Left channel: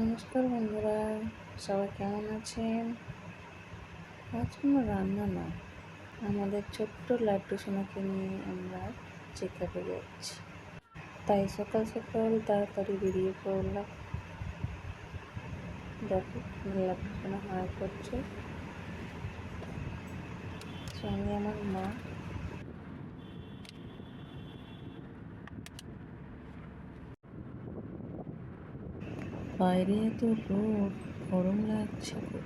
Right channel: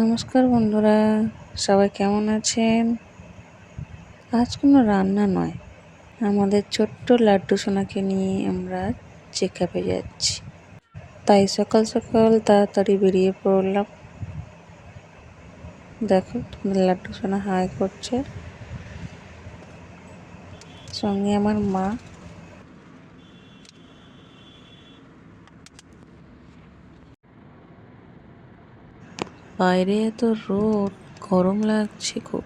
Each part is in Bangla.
নমস্কার বন্ধুরা, সবাই কেমন আছেন? আজ কোনো রান্না নয়, আমাদের ছোট্ট লাড্ডু সোনাকে নিয়ে আমরা চেক আপে যাচ্ছি। তাই সকাল সকাল তাড়াতাড়ি বেরিয়ে পড়লাম। দেখো লাড্ডু সোনা হাই করছে। সঙ্গে আমার মা বাইরে এত রোদ গরম লাগছে খুব।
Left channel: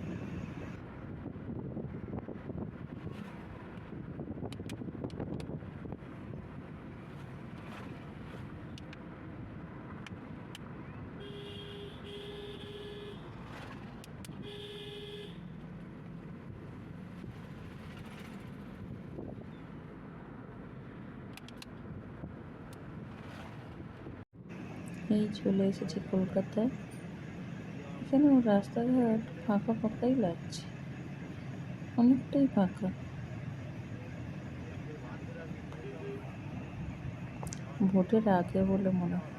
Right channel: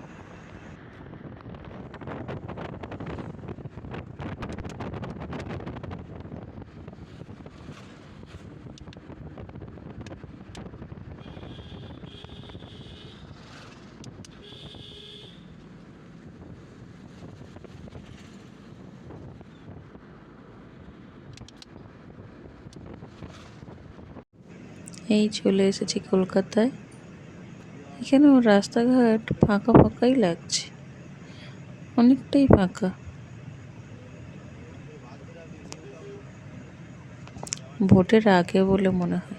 এই চলে এসেছি কলকাতায়। এখানেও রাস্তাঘাট ফাঁকা ফাঁকাই লাগছে? অনেকটাই ফাঁকা। ভোটের আগে বলে মনে হয়।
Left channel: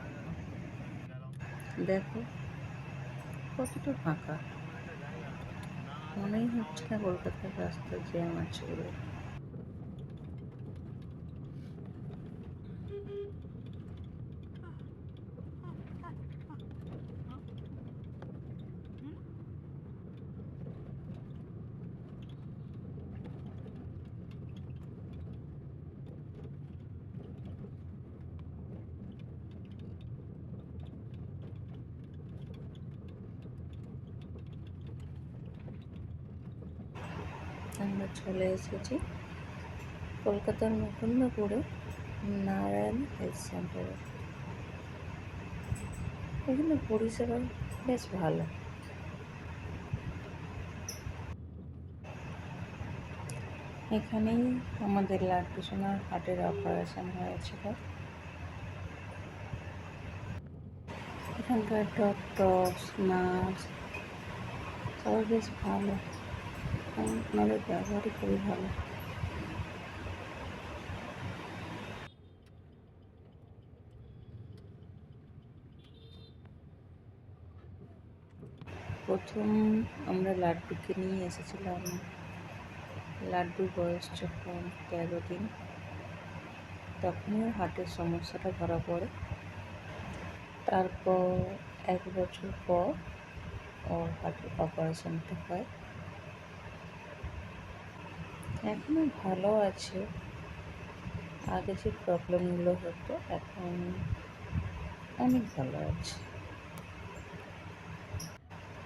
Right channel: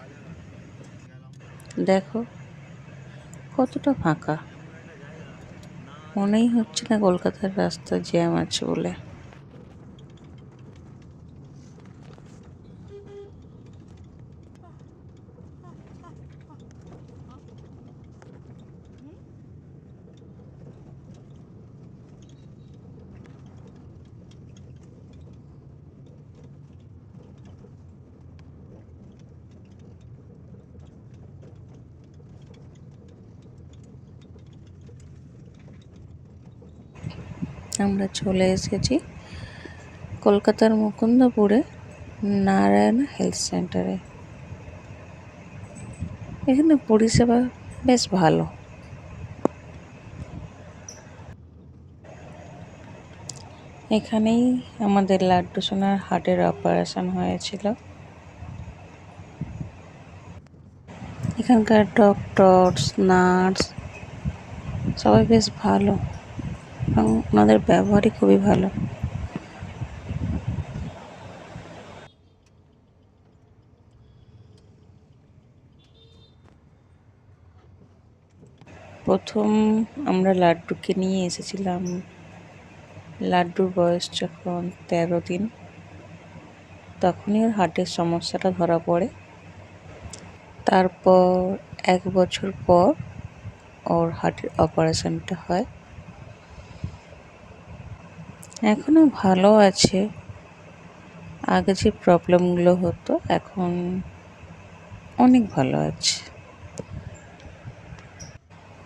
দেখো, কতটা ফাঁকা। মনেই হচ্ছে না কলকাতার রাস্তা জ্যাম আছে বলে। আমরা চলে এসেছি কলকাতার মুকুন্দপুরে নারায়ণ হেলথ সেন্টারে। এখানে পরিষেবা বেশ ভালো। এখানেই আমাদের লাড্ডু সোনার হার্টের অপারেশন হয়েছিল। এখানকার ডক্টরস নার্স সবাই বেশ ভালো। এবং ওনাদের ব্যবহারই খুবই ভালো। প্রথম আমরা লাড্ডুকে নিয়ে এসেছিলাম। লাড্ডুর বয়স যখন তেরো দিন, তখনই ওর হার্টের সমস্যাটা ধরা পড়ে। তারপর এক বছর পর ওর হার্টের অপারেশনটা হয়। এখনও ভালো আছে। আগে যে প্রবলেমগুলো হতো, এখন অনেক ভালো আছে।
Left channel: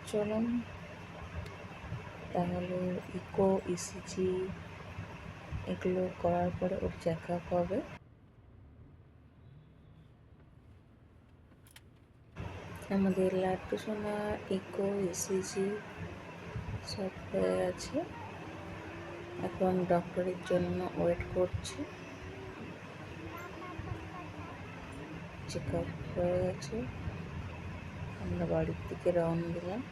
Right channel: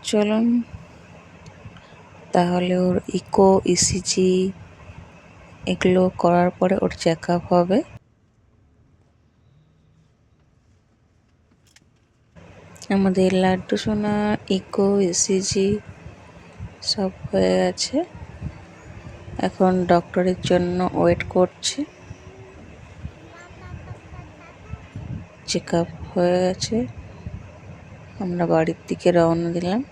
চলুন, তাহলে ওর ইকো, ইসিজি এগুলো করার পরে ওর চেক আপ হবে। আমাদের লাড্ডু সোনা, ইকো, ইসিজি সব হয়ে গেছে। এখন ডক্টরের জন্য ওয়েট করছে। চেক আপ হয়ে গেছে। আমরা বাড়ির দিকে রওনা দিলাম।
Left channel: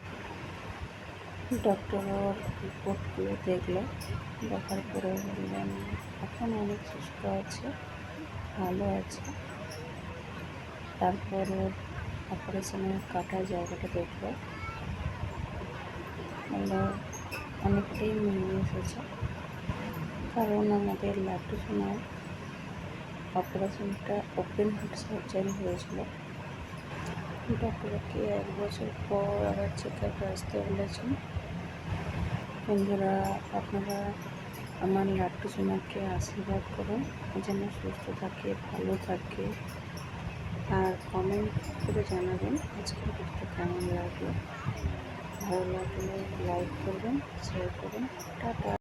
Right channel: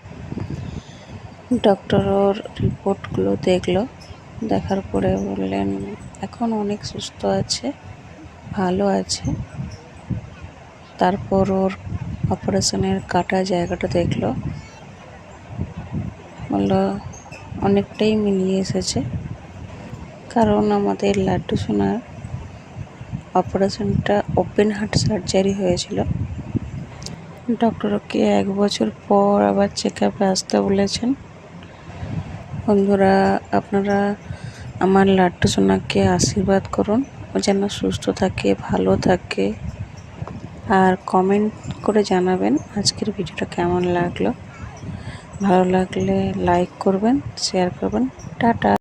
ডক্টর ওর রিপোর্টগুলো দেখল। দেখার পরে বললেন, এখন অনেক সুস্থ আছে, ভালো আছে। তারপর ওর অপারেশনের কাটা জায়গাটা দেখল। বলল, অনেকটাই মিলিয়ে এসেছে। কারণ আমাদের লাড্ডু সোনার অপারেশনটা ওপেন হার্ট সার্জারি হয়েছিল। ডক্টরকে এক বছর পর আবার চেক আপে আসতে বলেছেন। বন্ধুরা, আপনারা আমার লাড্ডু সোনাকে আশীর্বাদ করুন, ও যেন সুস্থ থাকে, ভালো থাকে। আর কমেন্ট করে জানাবেন আজকের ভিডিওটা কেমন লাগল। ভালো লাগলে লাইক করবেন শেয়ার করবেন। টাটা।